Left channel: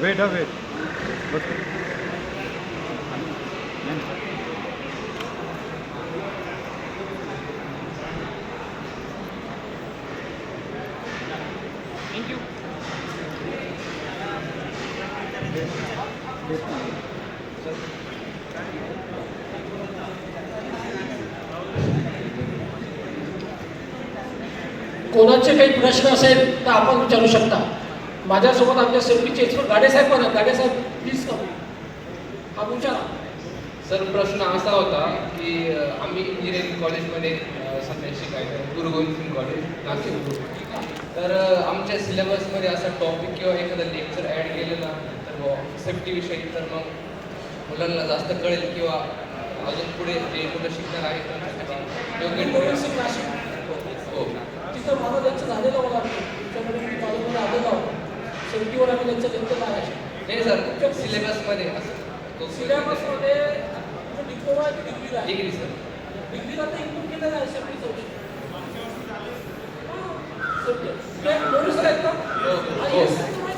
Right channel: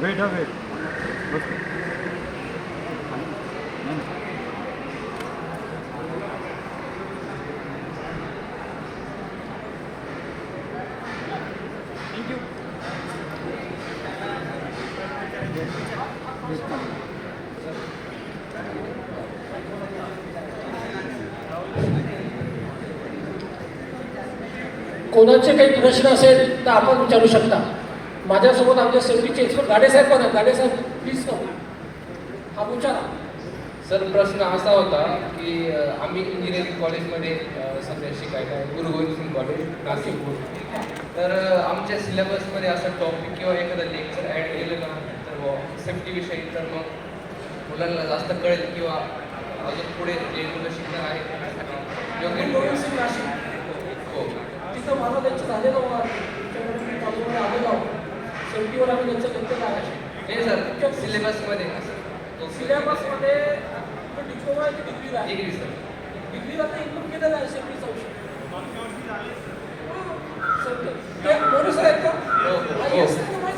Weight हो weight thank you. कोणाचे काही प्रश्न असेल तर आपण विचारू शकता. माझ्यासोबत आमच्या सेफ्टीचे एक्सपर्ट गाडेसाहेब पण आहेत. गाडेसाहेब प्लीज आपण विचारा. सर प्रश्न असा होता की आम्ही इंजिनिअरिंग कॉलेजमध्ये सध्या शिकायला आहे, गुरु गोविंद सिंग कॉलेज नागपूर. तर आमच्या सिलेबसमध्ये असं टॉपिक किंवा एखादं लेक्चर ॲड केलं ना तर सेफ्टीविषयी तर मग मुलांना जास्त कळेल किंवा अजून पुढे जे मुलं शिकणार आहेत त्यांच्यासाठी योग्य गोविंद सिंग नाशिक हो. तिथं माझं लेक्चर झालेलं मला तुमच्याकडे मी कॉलेजमध्ये आलेलो आहोत. सेफ्टीवर आम्ही लेक्चर घेतलेलं आहे. हे सर सिलेबसमध्ये असं सिलेबसमध्ये डिप्लोमा आहे की डिग्रीला आहे? Degree sir. डिग्रीला तर इन्क्लूड केलेलं आहे सेफ्टीचा विषय. ते बोलू सर आहेत का? येस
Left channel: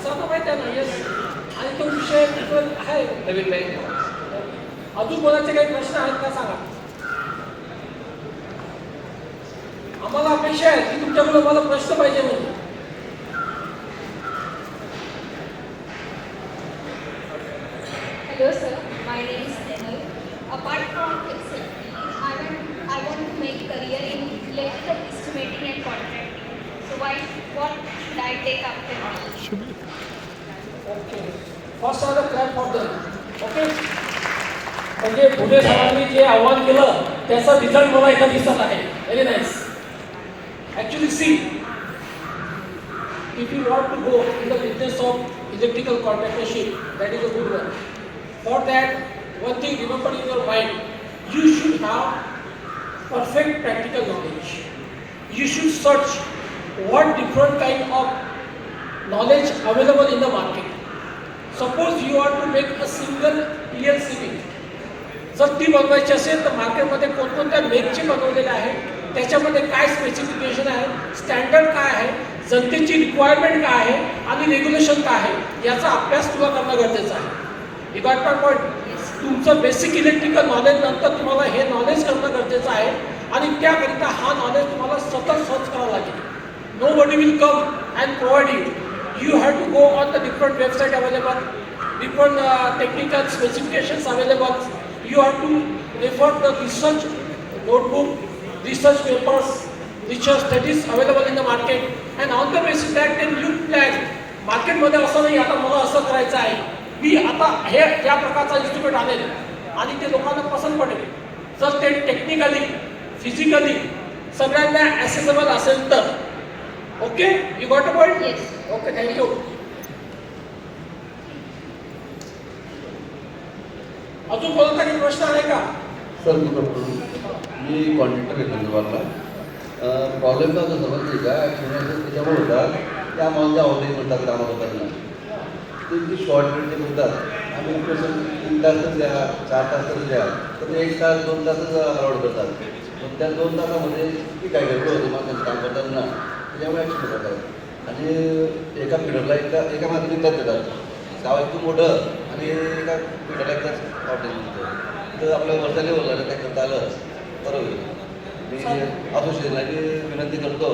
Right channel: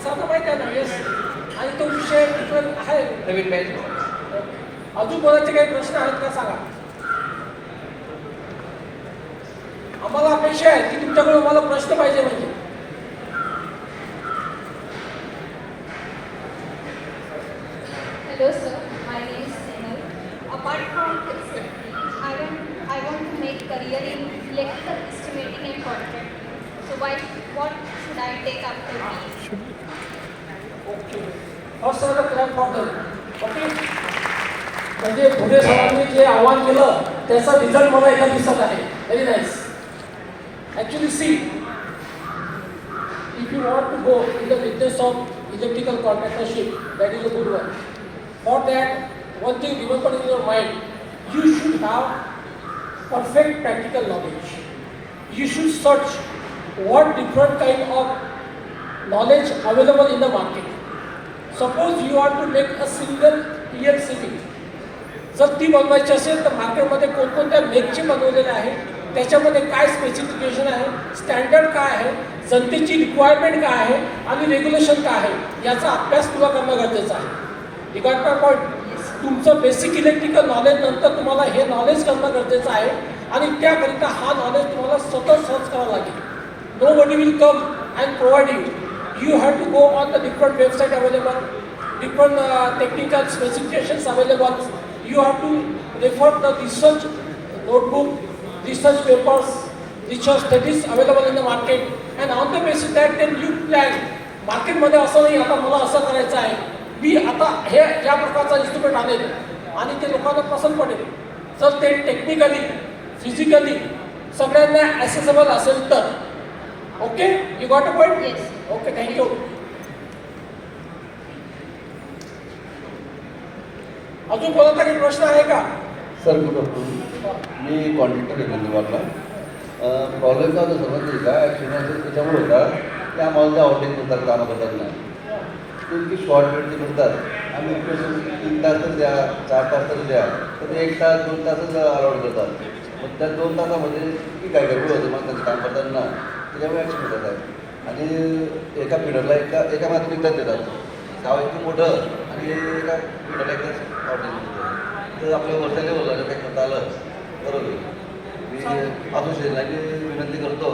साधं माहीत आहे ना. येस. आणि तो विषय प्रिफर आहे. नवीन बॅच. अजून कोणाचे काही प्रश्न आहेत का सांगा. आम्हाला अपेक्षा आहे की तुमच्याकडे आम्हाला प्रश्न पाहिजे म्हणजे. Hello sir, my name is Senil. Apart from SFP, I want to make career in electrical estimating and contracting. So what should I take after BE? Okay. First sir clap for them. Okay. म्हणजे पुढे सरांनी जे आव्हान केलं त्याचा result मला एका दिवसात आहे. Very nice. Actually see if you want to go in the business of electrical contractorship, that is a good one. For that, one thing remember in your mind, you should have perfect practical knowledge. You should search what different kind of knowledge available in the market. Suppose you want to make a single PLCB. जर ती बनवायची असेल तर मार्केटमध्ये कोणकोणत्या मेकचे बनवलेले आहेत, त्याच्यामध्ये काय स्पेसिफिकेशन आहे, स्टँडर्ड काय आहे, जनतेची रिक्वायरमेंट काय आहे आणि रेग्युलेशन काय आहे याचा अभ्यास तुला करणं गरजेचं आहे. You got my point. तुमचं बेसिक इलेक्ट्रिकल नॉलेज नंतर तुम्हाला हे नॉलेज करणं गरजेचं आहे आणि त्याकरिता हा नॉलेज तुम्हाला सतत सर्च करावं लागेल. Nobody will come and provide you. You have to go on the different website available, different technical specifications available. You have to refer the research notebook, research papers, research studies available in the market, and on the basis that then you plan. मार्केटमध्ये असं नाही आता मला असं करायचं आहे, मी आता हे या प्रकारचा इन्स्ट्रुमेंट आणेल आणि ते लोकांना पसंत पडेल. जर ते टेक्निकली फिजिकली सगळ्यांना ॲसेसेबल असेल तर. Okay. You got a point. Yes. Okay. Thank you. अजून कोणाचा काही प्रश्न आहे का? सर मी करतो. मी कॉन्ट्रॅक्टर घेतो दुकानला. कॉलेजला जो समजली का ॲक्च्युली त्याच्यामुळे होतात त्या आम्हाला आवडीत म्हणतात कामाबद्दलला ते शॉर्ट वेळचे म्हणतात आम्ही स्पेशल 3 तास द्या 4 तास तरी द्या तर 1 तास 2 तासच अलाउड करतात. मग त्या 2 तासामध्ये किती काय गडबड होते मग त्यांचं काम करताना त्याच्यामुळे ॲक्शन होतात आहे. आणि एका पिढीला एका मागे एकदाच देतात. गाव एकदम मोठं आणि एका पिढीला एकदाच ऑर्डर देतो. तर आपल्या वर्षा लेवलला काय करता आलं बरोबर. मी असोसिएशनला विनंती करतो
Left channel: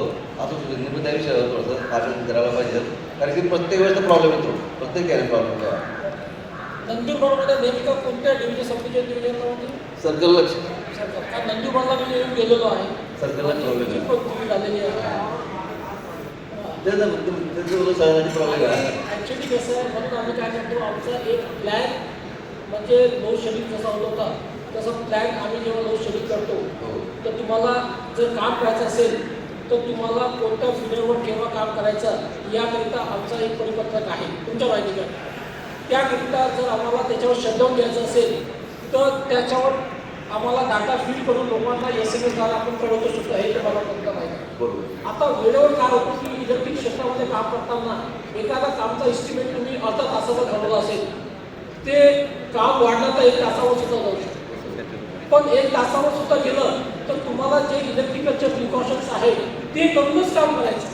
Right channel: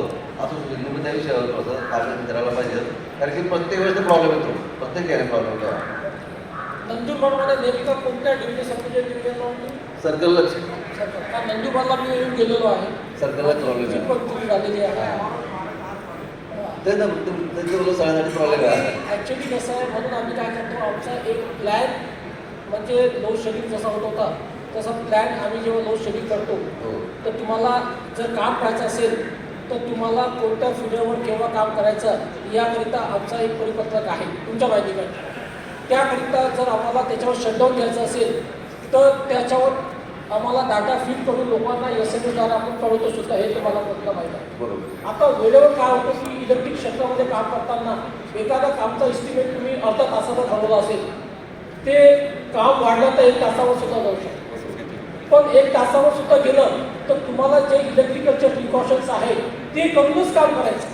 असोसिएशन त्या विषयावर थोडंसं आपण करायला पाहिजे कारण की प्रत्येक वेळेस प्रॉब्लेम येतो. प्रत्येक ठिकाणी प्रॉब्लेम येतो. नंदुरबारमध्ये नेमकं कोणत्या डिव्हिजन सबडिव्हिजन डिव्हिजनला होती? सर्कल लक्ष सर्कल. कारण नंदुरबारला मी येऊन गेलेलो आहे. सर्कलला प्रॉब्लेम आहे. पण तुम्ही झालेली आहे. ते ना तुमचं सगळ्यांना प्रॉब्लेम आहे. ॲक्च्युली कसं आहे म्हणून आम्ही काय करतो आमचा एक प्लॅन म्हणजे लोड शेडिंग जसा होत होता तसा प्लॅन आम्ही जेव्हा लोड शेडिंग करतो तर तुम्हाला जर काम करायचं असेल तर तुम्हाला कोणत्या फिडरवर केव्हा काम करायचं याकरिता आमचा एक परिपत्रक आहे तुमच्या माहितीकडे. त्याकरिता जर आम्हाला त्याच्यावर शटडाऊन घ्यायचं असेल तर त्याच्यावर आम्हाला डाटा फीड करून लोकांना SMS आपण कळवतो सुद्धा. हे तुम्हाला कोणतं माहिती आहे. बरोबर. आता वेळेवर काय होतं की इलेक्ट्रिक क्षेत्रामध्ये काम करताना एखाद्या कामचा एस्टिमेट तुम्ही अर्धा तासाचा ठरवला असेल ते काम वाढलं तर 1 तासावर सुद्धा जाऊ शकतो. पण 1 तासावर सुद्धा गेलं तर तुम्हाला जे इलेक्ट्रिकलचे प्रिकॉशन्स आहेत ते करूनच काम करायचं.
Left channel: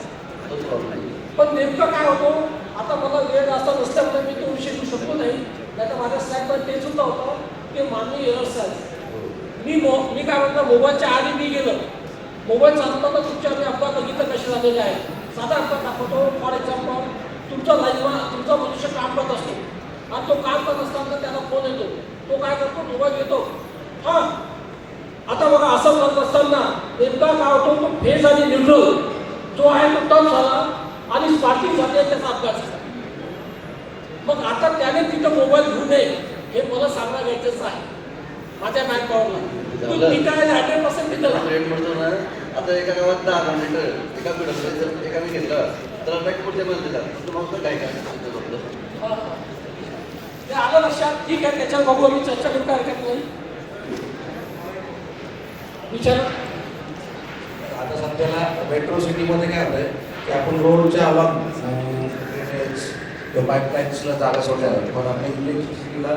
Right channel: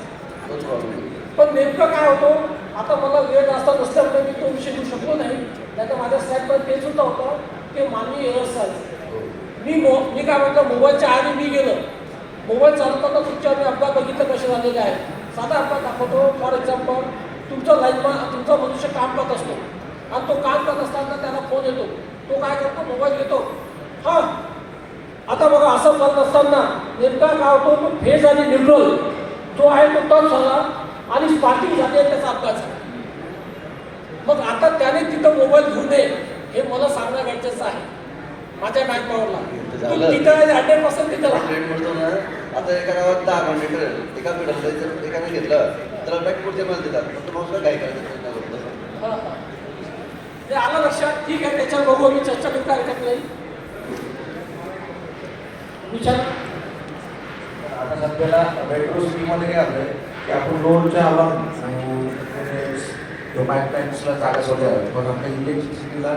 तोच प्रॉब्लेम. पण नेमकं काय होतं, आता मला वेळ जास्त नसल्यामुळे मी तो विषय घेऊ शकलो नाही. नाही तर माझ्या स्लाईडमध्ये ते सुद्धा होतं की मानवी एरर्स आहेत. मी काय म्हटलं, मोबाईलच्या आधी मी गेलो, मोबाईल चालवताना तुमच्या आधी अपघात बघितलं कसे झालेले आहेत. साधा अपघात दाखवतो. फॉर एक्झाम्पल, तुमचा लाईनमॅन, तुमचा मनुष्य काम करत असतो आणि तो काम करत असताना त्याला फोन येतो. तो काय करतो, मोबाईल घेतो. हां, आता बघा असं करत असताना नेमका काय होतो, तो फेज आणि न्यूट्रल जो आहे तो टच झाला आणि स्पार्किंग झाली आणि त्याचा अपघात झाला. मग आता त्याने तिथं मोबाईल घेऊ नये हे मला सांगणं गरजेचं आहे माझ्या मॅनपॉवरला. तो तिथं 100% तिथं राहा. ट्रेन म्हणतो ना, आता एका गावात 10 किलोमीटर एका पिढ्यात एकाने घेतलं तर आता पुढच्या मध्ये जातात. मग काय काय हां, हां. ते आलं लक्षात. ठीक आहे, त्याच्यावर बघू, मी चर्चा करता हरकत नाही. विचार. आता सध्याला मेट्रो सिटीमध्ये काय होतंय की आपण रोडच्या अलॉंग पाईपलाईन्सला जागा सोडल्या जातात, पण आपल्या इलेक्ट्रिसिटीला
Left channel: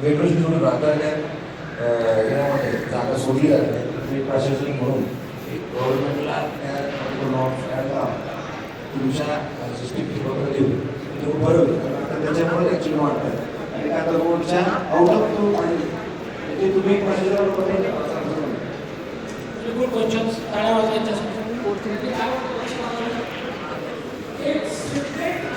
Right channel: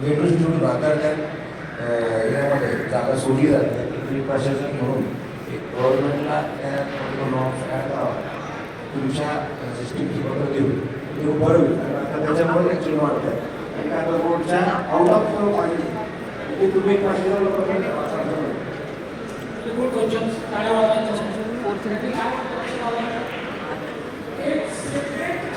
मेट्रो सिटीमध्ये राहतात त्या एरियामध्ये जागा सोडली जाते. प्रशासनिक म्हणून गव्हर्नमेंटला त्या नॉर्म्स काय करावा, तुमच्या सिस्टीमची बरोबर देऊ ते बरं होईल. कारण आता त्याच्यामुळे एक चिन्ह वाटतं आणि काय तर रोडच्या आउट ऑफ पाहिजे ते तुम्ही एक गुड क्वेश्चन्स. टाळ्या वाजवायच्या. एक सेपरेट